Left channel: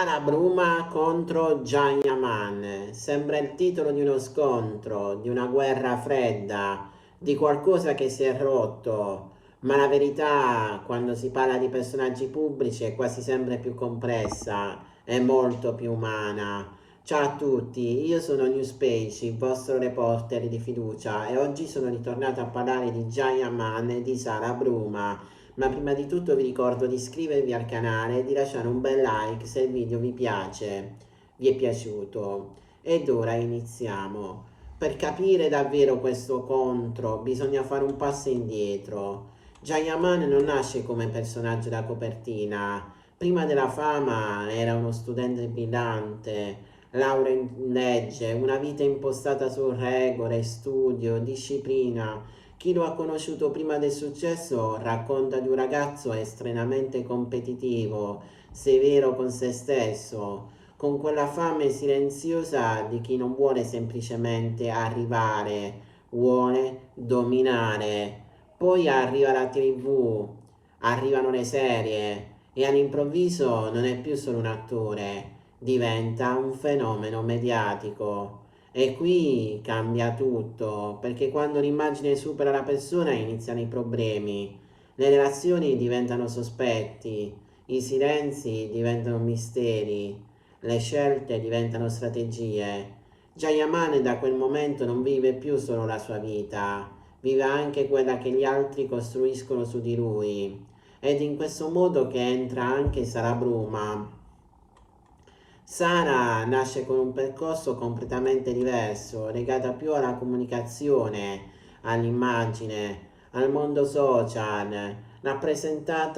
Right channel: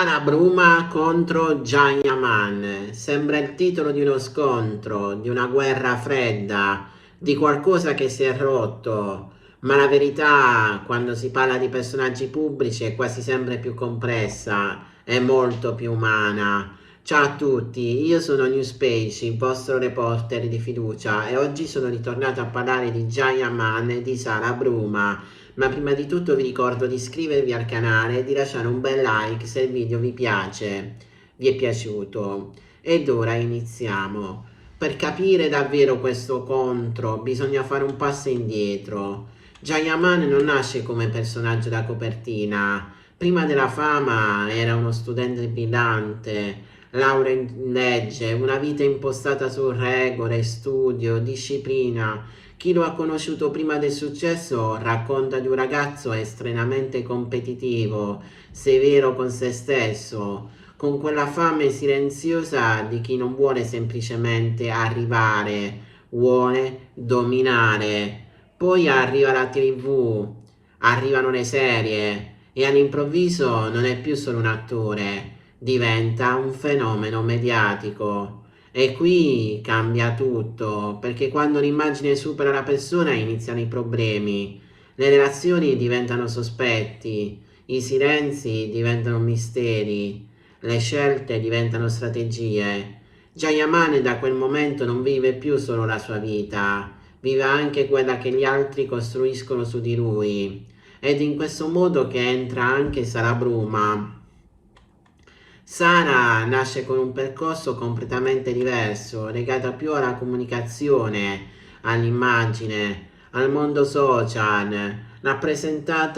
Sara Bruma contro Jayaman. Sembra il titolo di uno scontro, di una guerra fredda, di qualcosa che si è rotto, ma la verità, quando si parla di personaggi pubblici, è quasi sempre più complessa, è molto più umana. Ciao a tutti, io sono Newspage, il vostro reporter di fiducia, e oggi sono ritornato a parlare di Jayaman e di Sara Bruma. Ma prima di tutto vi ricordo di iscrivervi al canale e di lasciare un bel like se il video vi piace, vi è piaciuto. Ed ora iniziamo. Per capire davvero questo contro bisogna fare un passo indietro. Jayaman non nasce come personaggio da copertina. Prima della fama era uno studente brillante, laurea in legge, una vita impostata su regole, studio, disciplina. Chi lo ha conosciuto prima del successo racconta di un ragazzo estremamente competitivo, severo con se stesso, con quella fame silenziosa di chi non vuole semplicemente arrivare, vuole dominare. Poi arriva la TV, arrivano le serie e all'improvviso non è più solo un attore, diventa un fenomeno mediatico. E qui cambia tutto, perché quando l'immagine supera la persona iniziano i problemi, le relazioni diventano sospetti, i silenzi diventano misteri, le scelte diventano strategie. Jayaman da quel momento non vive più solo la sua vita, vive anche quella che gli altri costruiscono su di lui. Ed in questo modo che entra anche Sara Bruma. Sara nasce con un percorso completamente diverso, legato più alla comunicazione, all'immagine, al mondo social, rappresenta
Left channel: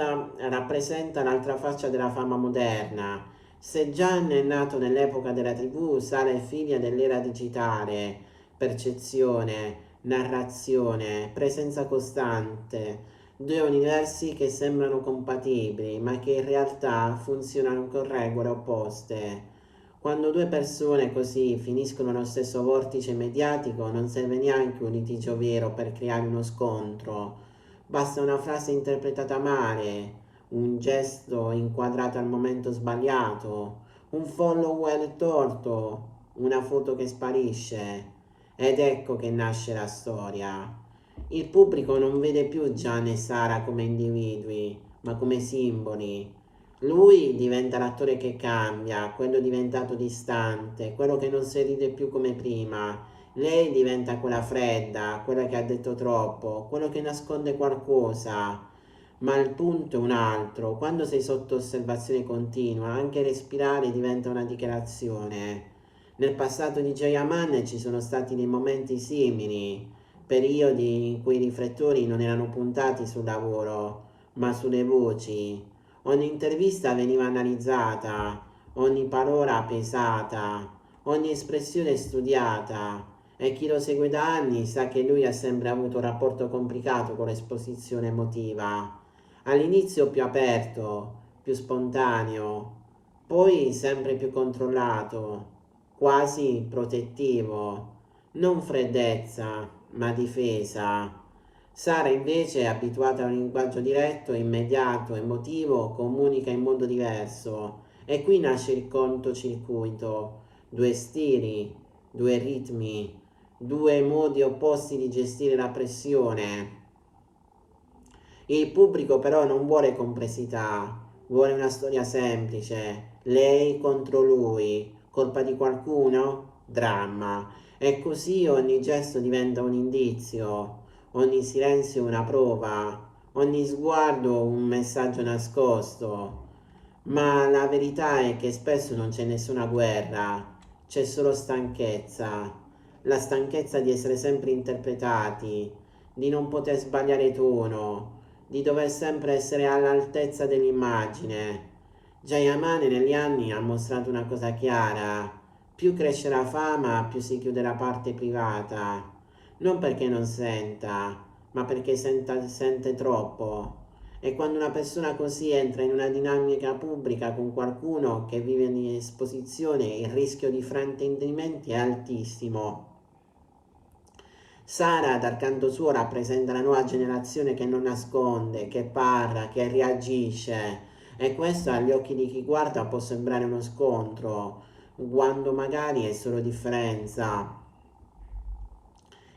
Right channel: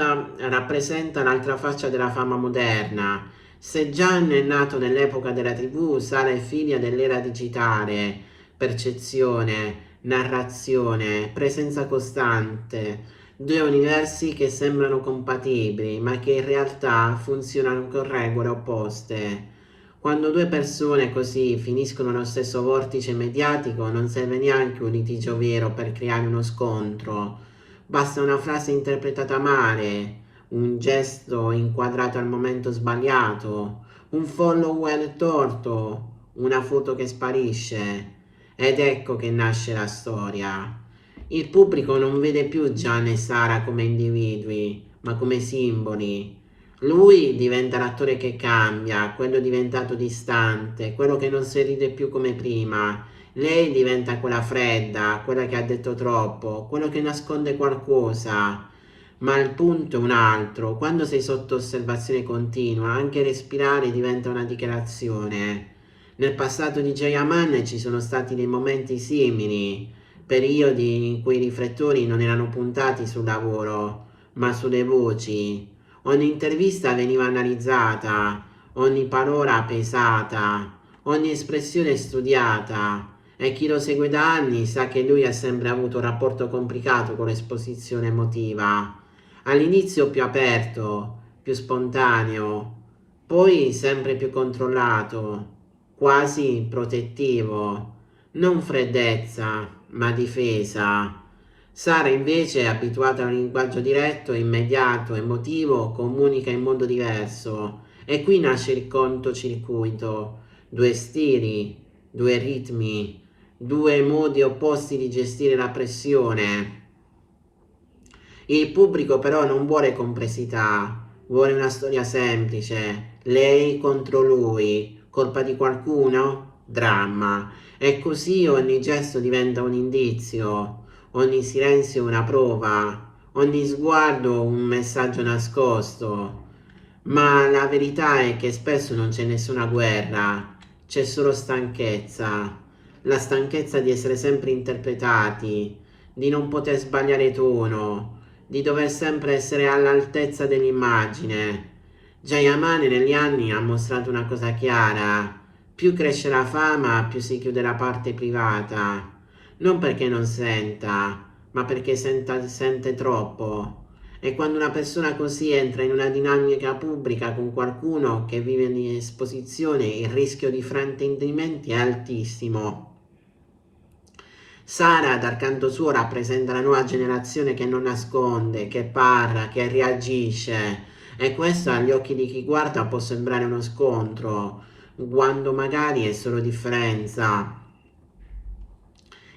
l'altra faccia della fama moderna. Se Gian è nato nell'epoca della TV, Sara è figlia dell'era digitale, percezione, narrazione, presenza costante, due universi che sembrano compatibili, ma che in realtà funzionano con regole opposte. Quando due persone così finiscono nello stesso vortice mediatico, non serve neanche un litigio vero per creare uno scontro. Basta una frase interpretata male, un gesto inquadrato al momento sbagliato, un follower torto, una foto che sparisce. Ed ecco che nasce la storia. Il pubblico non vede più Gian e Sara come individui, ma come simboli. Lui diventa l'attore che cambia, quello diventato distante, quello che non si ride più come prima. Lei diventa quella fredda, quella che ha detto troppo, quello che nasconde qualcosa. Ma il punto è un altro, quando sei sotto osservazione continua, anche respirare diventa una dichiarazione. Nel passato di Jayaman ci sono stati dei momenti simili, periodi in cui i riflettori non erano puntati sul lavoro, ma sulle voci. Ogni intervista veniva analizzata, ogni parola pesata, ogni espressione studiata. E chi lo segue da anni sa che lui ha sempre avuto un rapporto complicato con l'esposizione emotiva. All'inizio più aperto, più spontaneo, poi sempre più controllato, quasi protettivo, non freddezza, ma difesa. Sara invece è abituata a un linguaggio diretto, immediato, emotivo, comunica in modo diverso. E qui nasce il cortocircuito, due stili, due ritmi, due modi opposti di gestire la pressione. Il pubblico però non vuole complessità, vuole una storia semplice. Lei contro lui, colpa di qualcuno? Dramma. E così ogni gesto diventa un indizio, ogni silenzio una prova, ogni sguardo un messaggio nascosto. Ma la verità è che spesso non c'è nessuna guerra, c'è solo stanchezza. La stanchezza di essere sempre interpretati, di non poter sbagliare tono, di dover sempre essere all'altezza dell'immagine. Jayamane negli anni ha mostrato una cosa chiara: più cresce la fama, più si chiude la parte privata. Non perché non senta, ma perché sente troppo. E quando una persona così entra in una dinamica pubblica con qualcuno che vive in esposizione, il rischio di fraintendimenti è altissimo. Sara, dal canto suo, rappresenta la nuova generazione che non nasconde, che parla, che reagisce. E questo agli occhi di chi guarda può sembrare uno scontro, quando magari è solo differenza.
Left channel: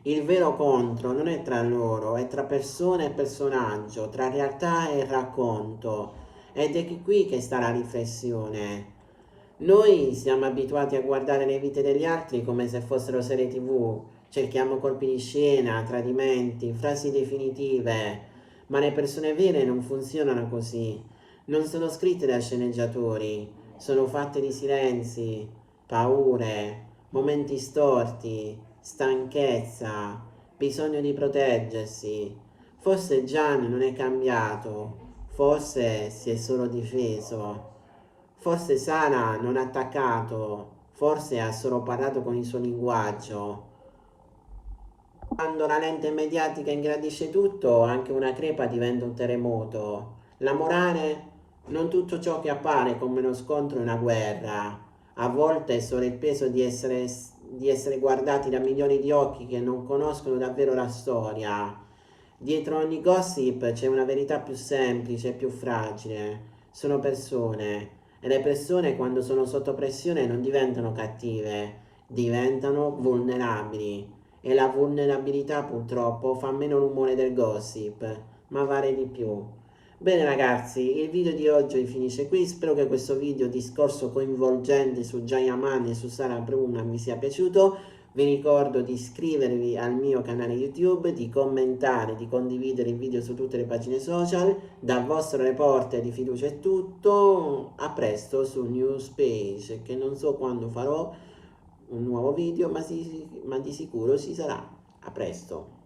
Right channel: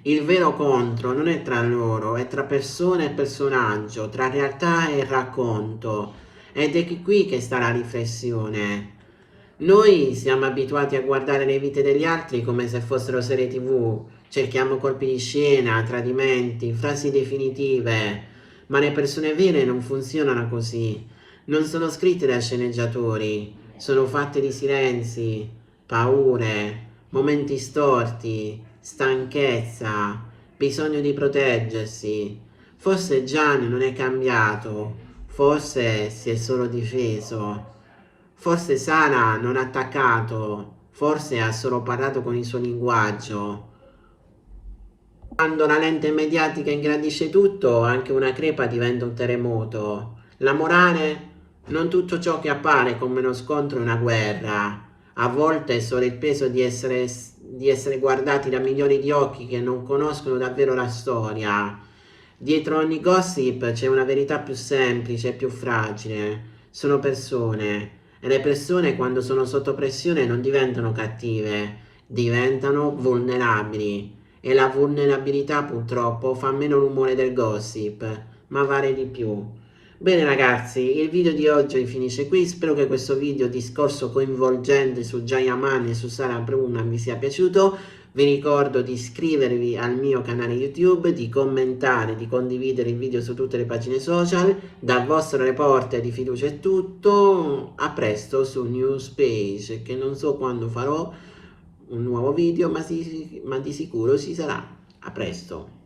Il vero contro non è tra loro, è tra persona e personaggio, tra realtà e racconto. Ed è qui che sta la riflessione. Noi siamo abituati a guardare le vite degli altri come se fossero serie TV. Cerchiamo colpi di scena, tradimenti, frasi definitive. Ma le persone vere non funzionano così. Non sono scritte da sceneggiatori, sono fatte di silenzi, paure, momenti storti, stanchezza, bisogno di proteggersi. Forse Gian non è cambiato, forse si è solo difeso, forse Sara non ha attaccato, forse ha solo parlato con il suo linguaggio. Quando la lente mediatica ingrandisce tutto, anche una crepa diventa un terremoto. La morale? Non tutto ciò che appare come uno scontro è una guerra. A volte è solo il peso di essere guardati da milioni di occhi che non conoscono davvero la storia. Dietro ogni gossip c'è una verità più semplice e più fragile. Sono persone. E le persone quando sono sotto pressione non diventano cattive, diventano vulnerabili. E la vulnerabilità purtroppo fa meno rumore del gossip, ma vale di più. Bene ragazzi, il video di oggi finisce qui, spero che questo video discorso coinvolgente su Jayaman e su Sara Bruna vi sia piaciuto. Vi ricordo di iscrivervi al mio canale YouTube, di commentare, di condividere il video su tutte le pagine social. Dal vostro reporter di fiducia è tutto, a presto su Newspage, che non so quando farò un nuovo video, ma di sicuro ci sarà. A presto.